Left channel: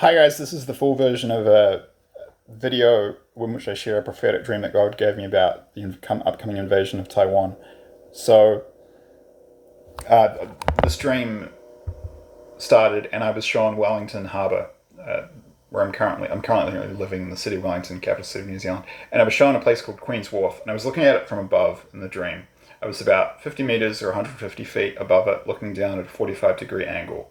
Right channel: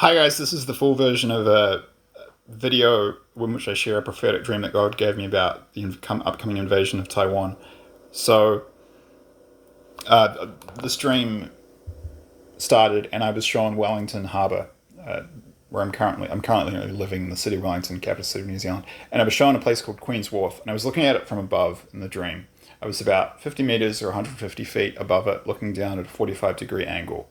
Hi guys, this is the full version of a video in which I share a prophetic dream that God gave me about the upcoming invasion of Taiwan. So, uh, this dream started, and I was shown Wellington Harbour, where I'm currently living in the city of Wellington, capital city of New Zealand, and I was shown a place called Queen's Wharf, and I was looking at it from above in the dream. I was about 50 meters or 150 feet above it, looking down at a 45-degree angle.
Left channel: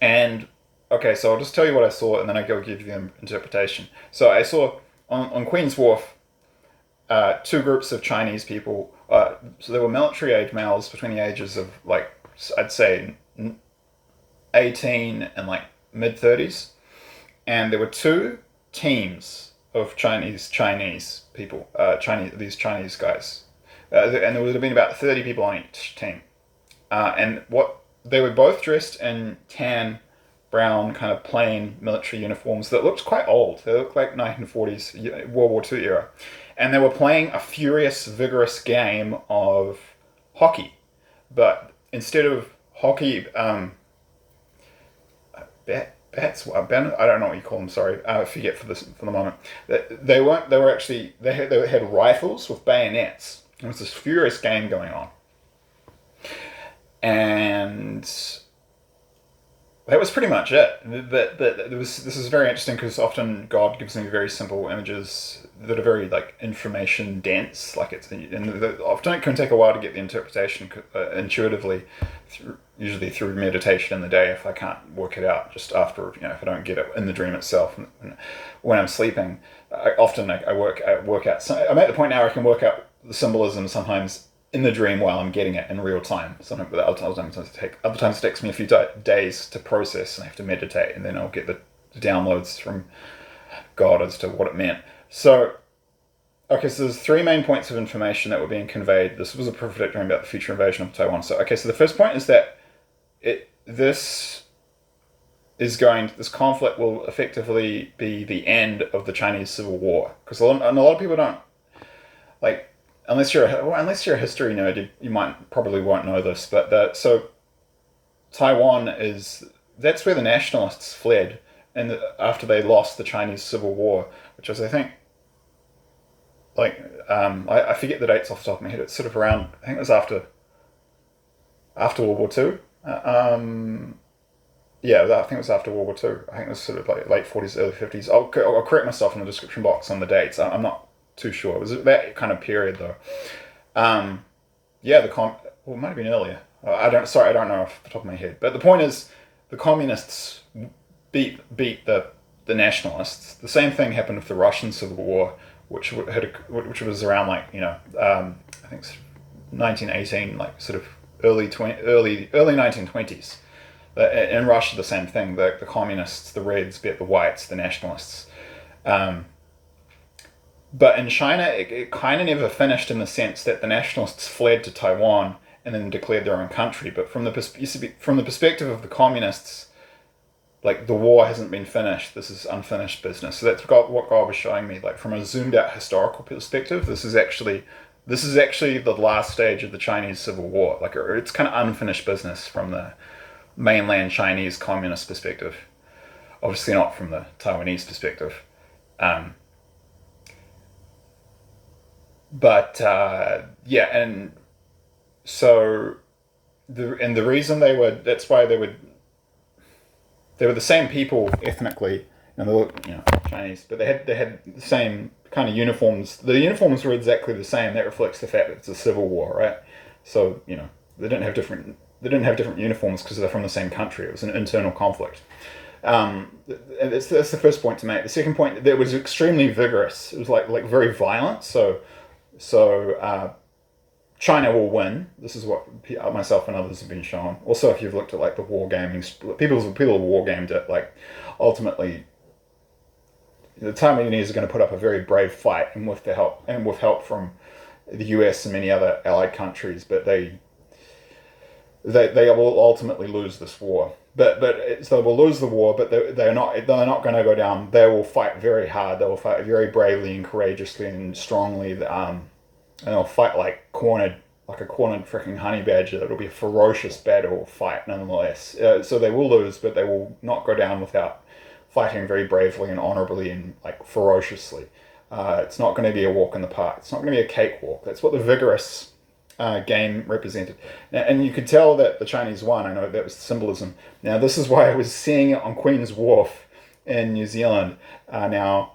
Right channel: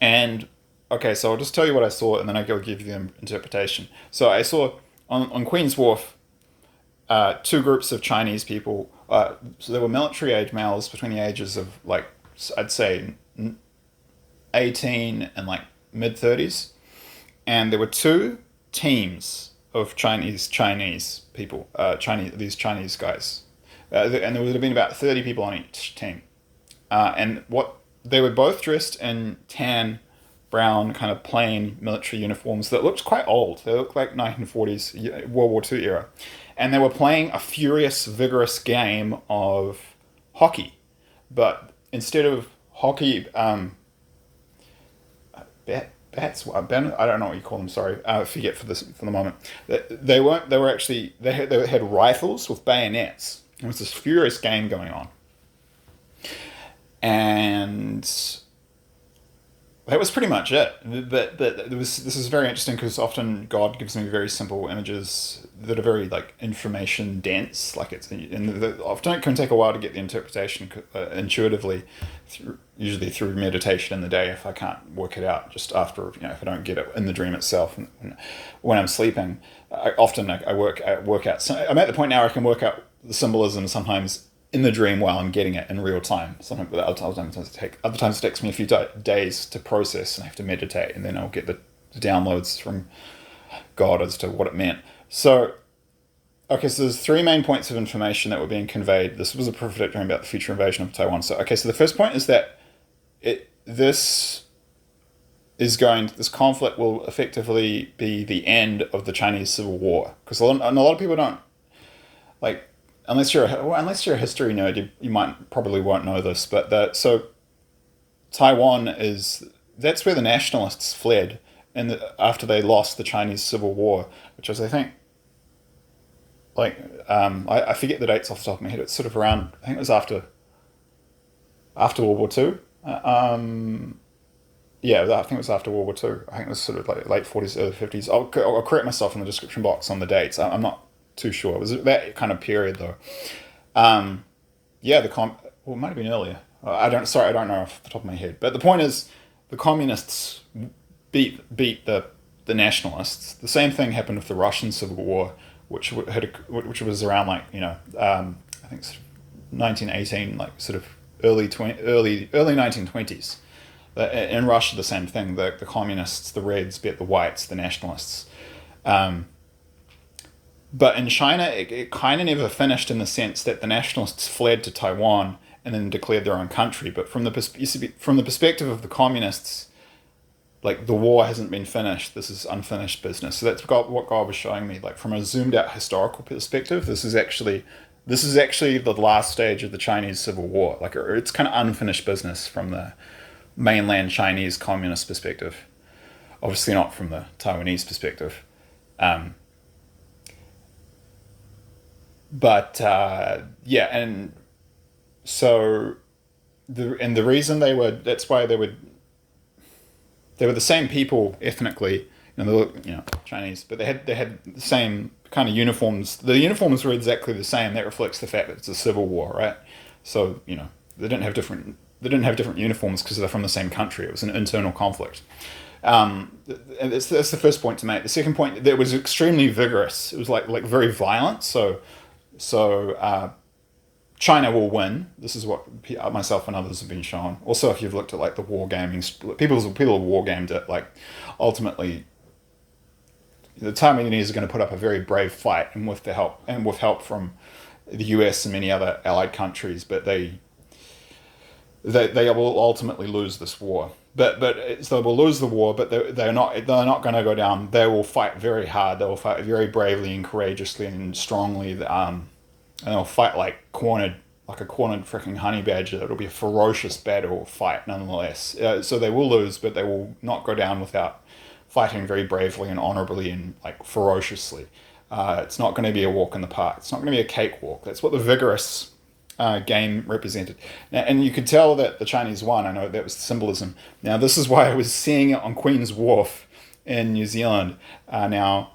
And okay, so I'll just tell you what I saw, and then I'll give you the interpretation. So I saw on Queen's Wharf two groups of Chinese people. So there were military age males between the ages of like I'd say 18 and like mid 30s, and there were two teams of Chinese people, Chinese guys, and there would have been about 30 people on each team. And what they were both dressed in tan, brown, kind of plain military uniforms that looked quite old. They looked like 1940s World War II era, and they were playing a furious, vigorous game of hockey. But instead of hockey, bats. I don't know what you call them. Sorry, I forget for the moment. They weren't. They were actually. They had rifles with bayonets. It was this furious game going on, and that was pretty much it. This is very interesting because often God gives me very simple images that are very like information dense. Like often it can take a while to get the interpretation intuitively, usually through meditation in the day if I can't work it out just after if I don't get it in the dream itself. And when I'm sleeping, I work out. So I'm at the point now where I can work out the symbolism sometimes in the dream while I'm getting it in real time. Sometimes, other times it takes me a few days to process, and I have to meditate, and then I'll get the downloads from God as to what it meant. So, okay, so there's three main points of information that were being conveyed. This was a prophetic dream about the future invasion of Taiwan. So, okay, so the first point is that this conflict will effectively be the end of the Chinese Civil War, because a lot of people don't like. Unless you're a history nerd, you might probably won't know this, but Taiwan is that's where the nationalists fled, and after they lost the Chinese Civil War, which was I think I forget the dates off the top of my head. It's sort of around I think it was after World War Two. Yeah, I think it was after World War Two. I think it was sort of like late 40s, early 50s. I'll correct myself in the description box on the dates. I'm not too sure. It was that kind of period though. Um, yeah, well, it might have been earlier. I don't know off the top of my head. But the point is, the communists beat the nationalists. The same thing happened with the Russian Civil War, which was around like I think it's 1918, like sort of early 1920s. In Russia, the same thing. The communists, the Reds, beat the Whites, the nationalists. Um, but in China, it kind of never finished in the sense that the nationalists fled to Taiwan and then declared their own country. But from the perspective of the communists, like the war hasn't been finished. This is unfinished business. So that's what God was showing me. Like from a zoomed out historical perspective, this is actually the last stage of the Chinese Civil War. Like it's kind of unfinished business from the mainland Chinese communist perspective. Obviously not from the Taiwanese perspective. Um, but yeah, and so the reason that's why they were the same people ethnically, and they look Chinese, but they had the same kind of uniforms. The uniforms were exactly the same. That reflects the fact that it's a civil war, right? So they didn't have different uniforms because they're from the same country. It was an internal conflict. And that's the first point to make. The second point, that it was extremely vigorous. It was like very violent. So China will win. This is what myself and others have been shown. Also, if you've looked at like the war gaming, people have war gamed it. Like ultimately, the Taiwanese are going to put up a very brave fight, and with help from the US and many other allied countries. But they will ultimately lose this war. So they will lose the war, but they're not going to go down. They will fight very hard. They will fight very bravely and courageously and strongly. And they'll fight like a cornered freaking honey badger. It'll be a ferocious battle fight nonetheless. So they will lose, but they will not go down without fighting very bravely and honorably and like ferociously. It's not going to be a walk in the park. It's not going to be a cakewalk. That's what the vigorous game represented. Now, and you could tell that the Chinese won. I know that was the symbolism. Now, this is why I was seeing it on Queen's Wharf in New Zealand. Now,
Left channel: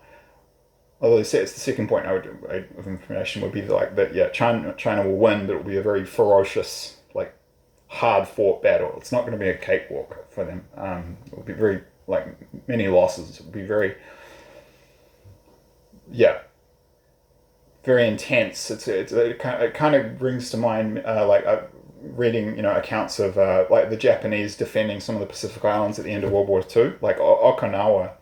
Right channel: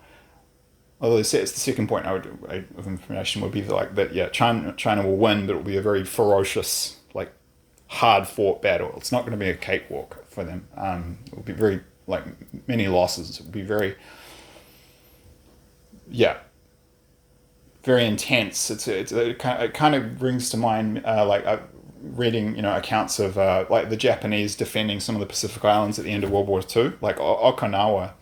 although it's the second point of information would be like that, yeah, China will win, but it will be a very ferocious, like, hard fought battle. It's not going to be a cakewalk for them. It will be very, like, many losses. It will be very, yeah, very intense. It kind of brings to mind reading accounts of like the Japanese defending some of the Pacific Islands at the end of World War II, like Okinawa.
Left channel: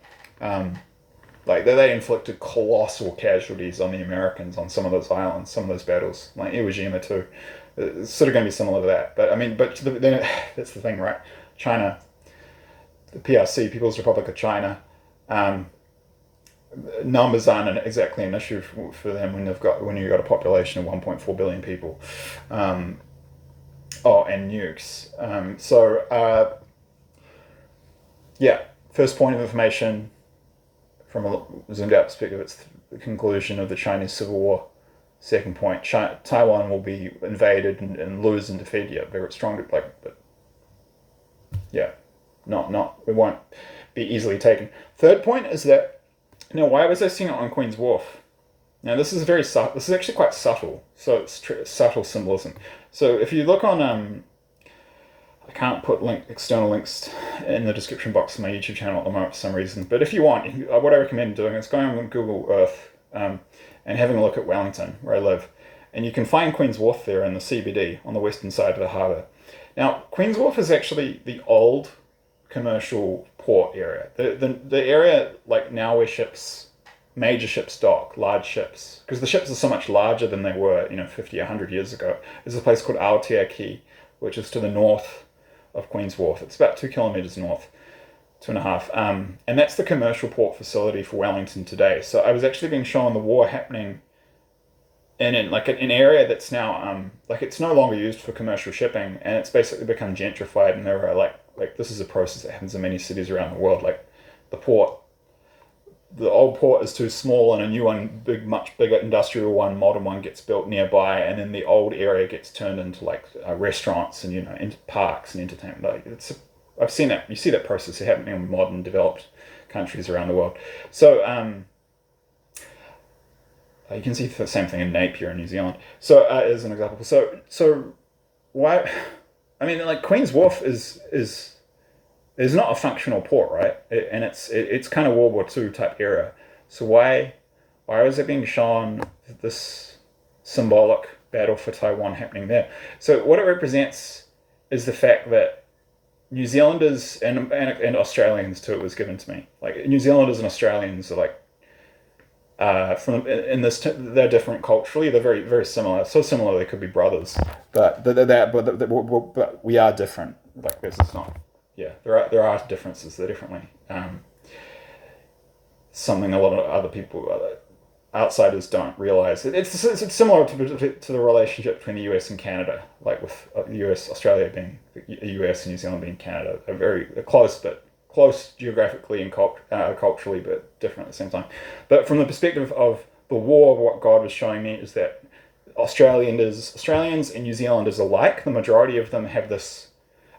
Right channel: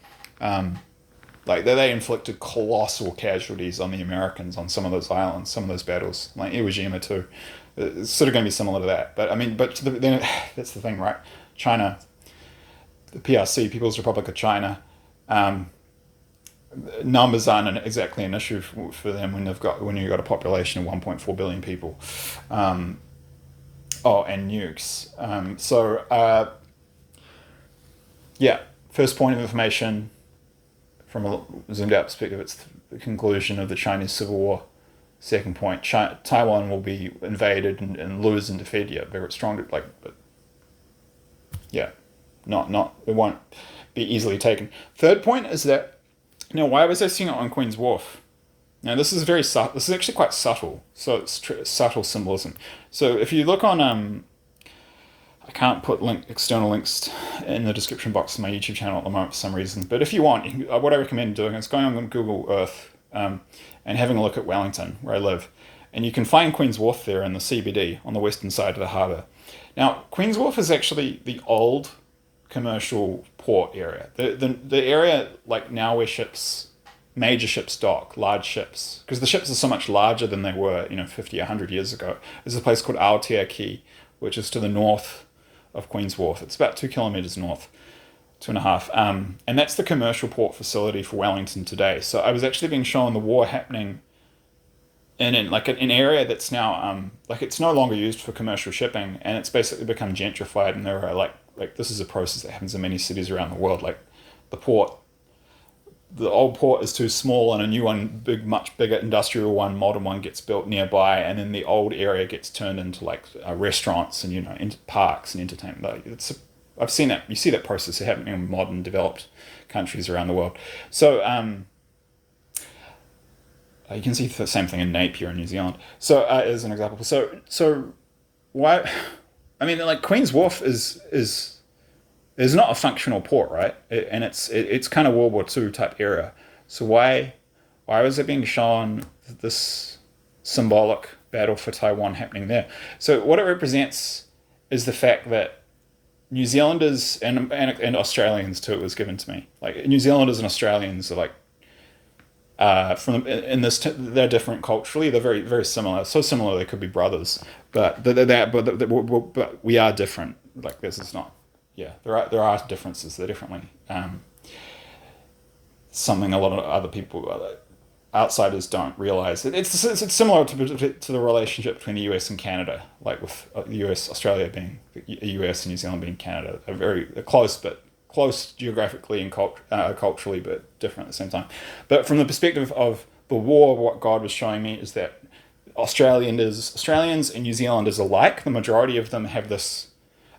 Like they inflicted colossal casualties on the Americans on some of those islands, some of those battles, like Iwo Jima too. It's sort of going to be similar to that. But I mean, then that's the thing, right? China, the PRC, People's Republic of China. Numbers aren't exactly an issue for them when you've got a population of 1.4 billion people, and nukes. Yeah, first point of information from a zoomed out perspective, it's the conclusion of the Chinese Civil War. Second point, Taiwan will be invaded and lose and defeated. Yeah, very strong. But yeah, not it won't be easily taken. Third point is that. Now, why was I seeing it on Queen's Wharf? Now, this is very subtle. This is actually quite subtle. So it's subtle symbolism. So if you look on, I can't put external links in the description box of my YouTube channel at the moment for some reason. But if you want, what I recommend doing is going on Google Earth and having a look at Wellington, where I live. And you can find Queen's Wharf there in the CBD on the western side of the harbour. Now, Queen's Wharf is actually the old commercial port area. The area like now where major ships dock, large ships, because the ships are so much larger than they were, 50, 100 years ago. There's a place called Aotea Quay, which is to the north of Queen's Wharf. It's about 2 kilometers north, 2.5. And that's the commercial port facility for Wellington today. So I was actually being shown the war happening in an area that's now it's no longer used for commercial shipping, and it's basically become gentrified, and there are like this is a process that happens in many cities around the world. Like the old port is too small, and a new one, much bigger industrial one, modern one gets built nearby, and then the old area gets turned into like restaurants and into parks and entertainment. Like I've seen that. You see that process happening in modern developed countries around the world. So you can see the same thing in Napier in New Zealand. So as an example, so why? I mean, like Queen's Wharf is not a functional port, right? And it's kind of World War II type era. So why was it being shown this symbolic battle for Taiwan happening there? So what it represents is the fact that New Zealanders and Australians too, it was given to me. Like New Zealanders and Australians are like they're different culturally. They're very very similar. So similar they could be brothers, but but we are different. Like this is not. Yeah, there are differences. They're differently. Something a lot of other people, outsiders, don't realize. It's similar to the relationship between the US and Canada. Like with the US, Australia being the US and New Zealand being Canada. They're close geographically and culturally, but different at the same time. But from the perspective of the war, what God was showing me is that Australians and New Zealanders alike, the majority of them have this,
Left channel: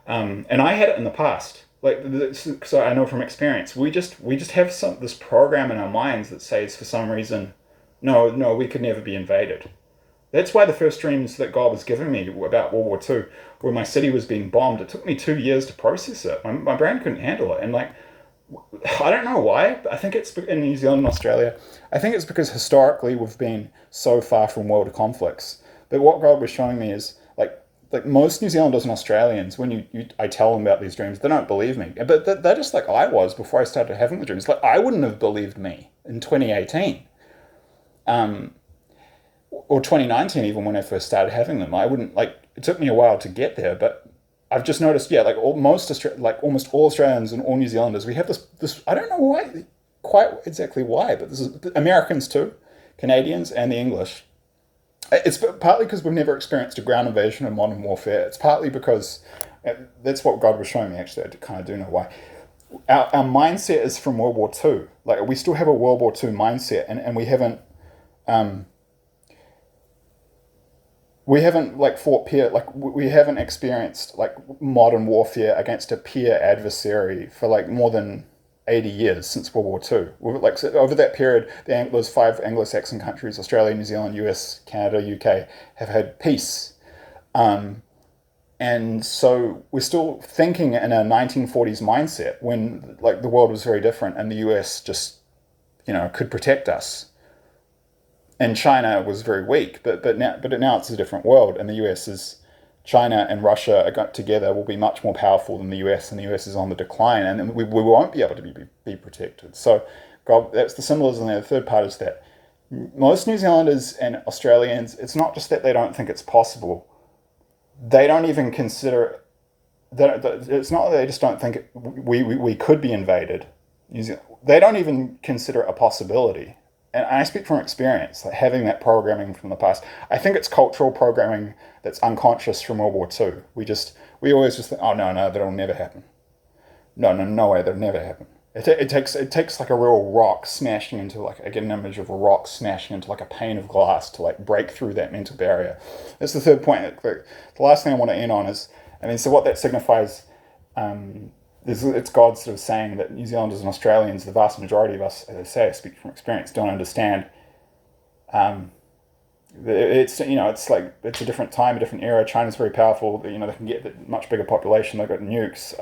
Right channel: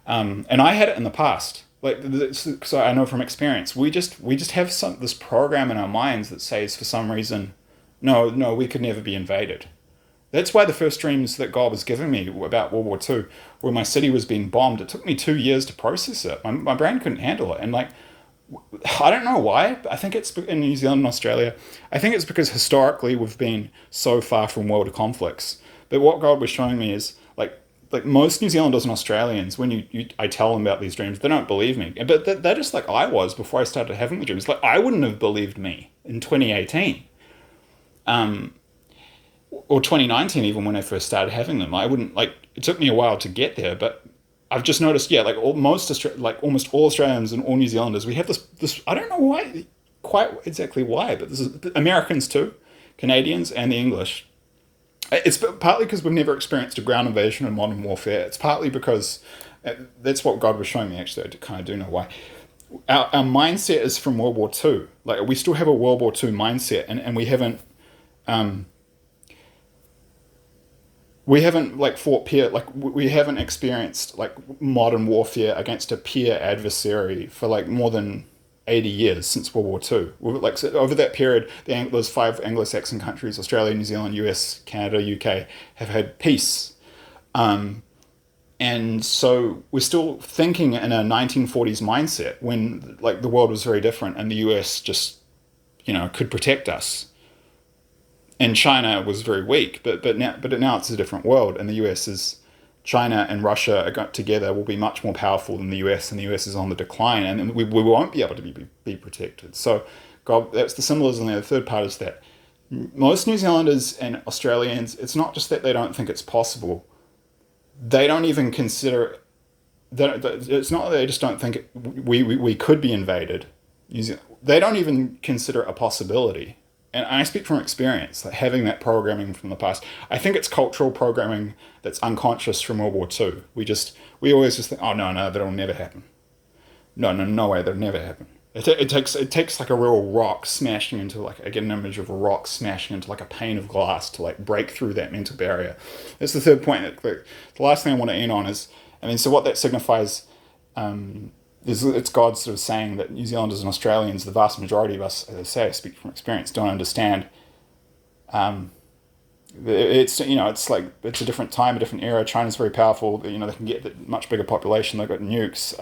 and I had it in the past. Like, so I know from experience, we just have this program in our minds that says for some reason, no, we could never be invaded. That's why the first dreams that God was giving me about World War II, where my city was being bombed, it took me 2 years to process it. My brain couldn't handle it. And like, I don't know why, but I think it's in New Zealand and Australia. I think it's because historically we've been so far from world conflicts. But what God was showing me is like most New Zealanders and Australians, when I tell them about these dreams, they don't believe me. But they're just like I was before I started having the dreams. Like I wouldn't have believed me in 2018. Or 2019, even when I first started having them. I wouldn't, it took me a while to get there, but I've just noticed, almost all Australians and all New Zealanders, we have this, I don't know quite exactly why, but this is Americans too, Canadians and the English. It's partly because we've never experienced a ground invasion in modern warfare. It's partly because that's what God was showing me, actually. I kind of do know why. our mindset is from World War Two. Like we still have a World War Two mindset, and um, we haven't like fought peer like we haven't experienced like modern warfare against a peer adversary for like more than 80 years since World War Two. Like so over that period, those five Anglo-Saxon countries, Australia, New Zealand, US, Canada, UK, have had peace. Um, and so we're still thinking in a 1940s mindset when like the world was very different and the US just, could protect us. And China was very weak, but now it's a different world, and the US is China and Russia are got together will be much more powerful than the US, and the US is on the decline, and we won't be able to be protected. So, God, that's the symbolism there. The third part is that most New Zealanders and Australians, it's not just that they don't think it's possible; they don't even consider that. It's not that they just don't think we could be invaded. They don't even consider it a possibility. And I speak from experience, like having that programming from the past. I think it's cultural programming that's unconscious from World War Two. We always just think, oh no, no, that'll never happen. No, no, no way, that'll never happen. It takes like a real rock smashing into like I get an image of a rock smashing into like a pane of glass to like break through that mental barrier. That's the third point. The last thing I want to end on is, so what that signifies, it's God sort of saying that New Zealanders and Australians, the vast majority of us, as I say, I speak from experience, don't understand. Um, it's like it's a different time, a different era. China's very powerful. They can get a much bigger population. They've got nukes.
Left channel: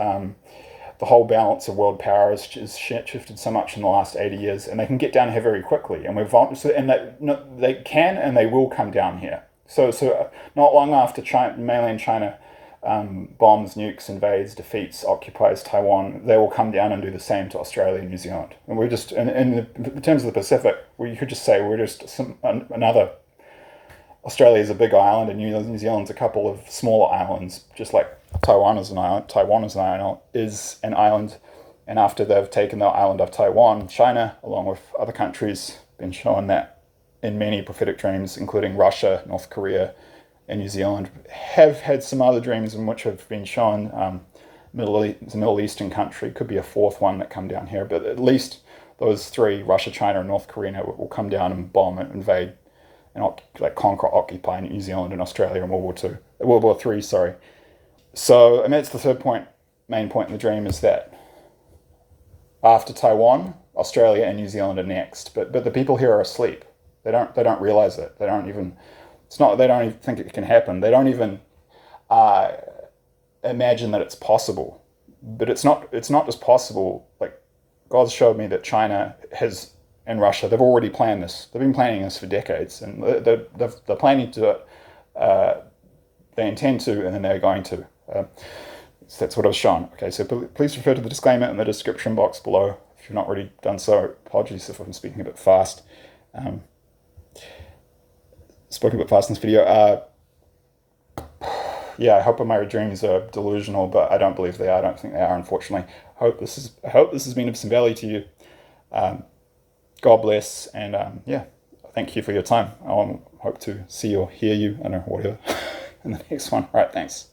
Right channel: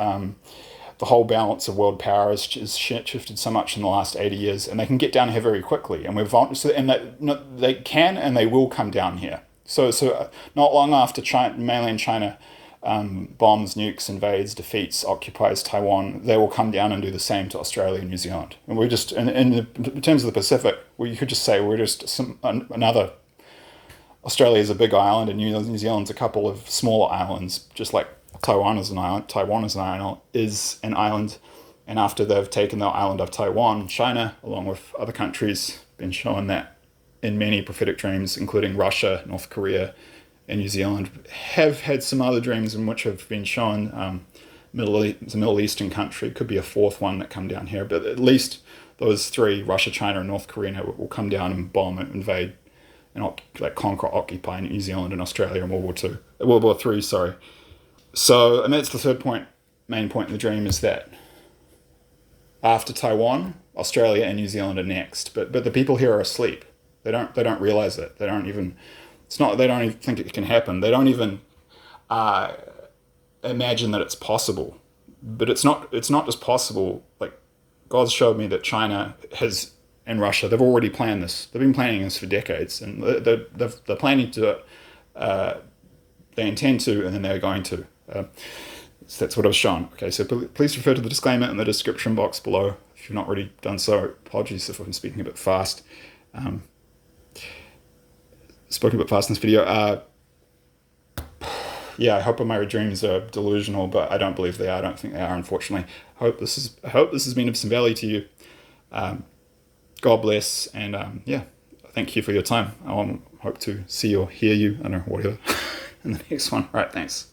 The whole balance of world power has shifted so much in the last 80 years, and they can get down here very quickly. And they can and they will come down here. So not long after mainland China bombs, nukes, invades, defeats, occupies Taiwan, they will come down and do the same to Australia and New Zealand. And we're just, in terms of the Pacific, you could just say we're just another. Australia is a big island, and New Zealand's a couple of smaller islands, just like Taiwan is an island. Taiwan is an island, and after they've taken the island of Taiwan, China, along with other countries, been shown that in many prophetic dreams, including Russia, North Korea, and New Zealand, have had some other dreams in which have been shown. It's a Middle Eastern country, could be a fourth one that come down here, but at least those three, Russia, China, and North Korea, will come down and bomb and invade and conquer, occupy New Zealand and Australia in World War Three, sorry. So, it's the third point, main point in the dream is that after Taiwan, Australia and New Zealand are next, but the people here are asleep. They don't realize it. They don't even. It's not. They don't even think it can happen. They don't even imagine that it's possible. But it's not. It's not just possible. Like God's showed me that China has and Russia. They've already planned this. They've been planning this for decades, and they're planning to do it. They intend to, and then they're going to. So that's what I was shown. Okay, so please refer to the disclaimer in the description box below if you've not already done so. Apologies if I'm speaking a bit fast. Spoken a bit fast in this video. Yeah, I hope my dreams are delusional, but I don't believe they are. I don't think they are, unfortunately. I hope this has been of some value to you. God bless, and yeah, thank you for your time. I hope to see or hear you, I don't know, whatever, in the next one. All right, thanks.